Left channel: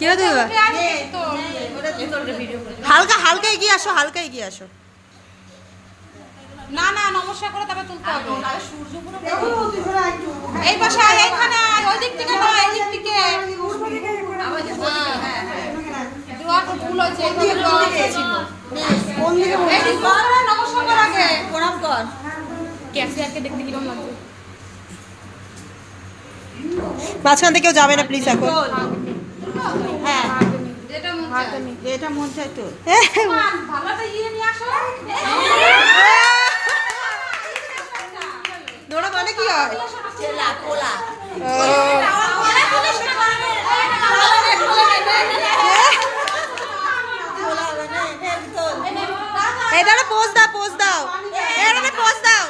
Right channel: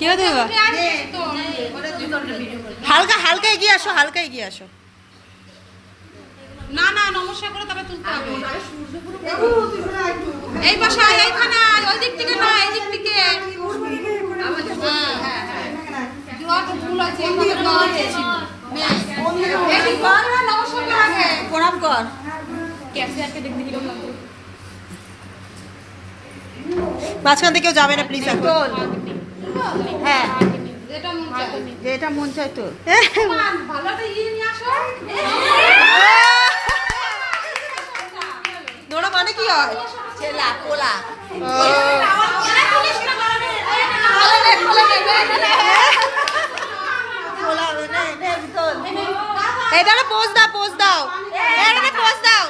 কি হতে হালকা হালকা এগিয়ে আসো, হালকা এগিয়ে আসো। না না নমস্কার করে তবে তুলতে হবে। এই পাশে এইখানে ওই দিক থেকে না, এই দিক থেকে দুয়াটা ফুল আছে, এই দিকে দাও দিয়েছিল। এই দিক করে নমস্কার কর, আগে প্রণাম কর। ক্যাফে আকে দেখ দিলাম না। মাঝখান থেকে কেউ যাবে না প্লিজ এখন। হ্যাঁ যেটা মন চাই তোর। ভালোটা ইয়ে নিয়ে আসো। নোরা মানে কি হয়? চেলা কোলা। ও এটা পোজ দাও, পোজ দাও, এটা পোজ দাও।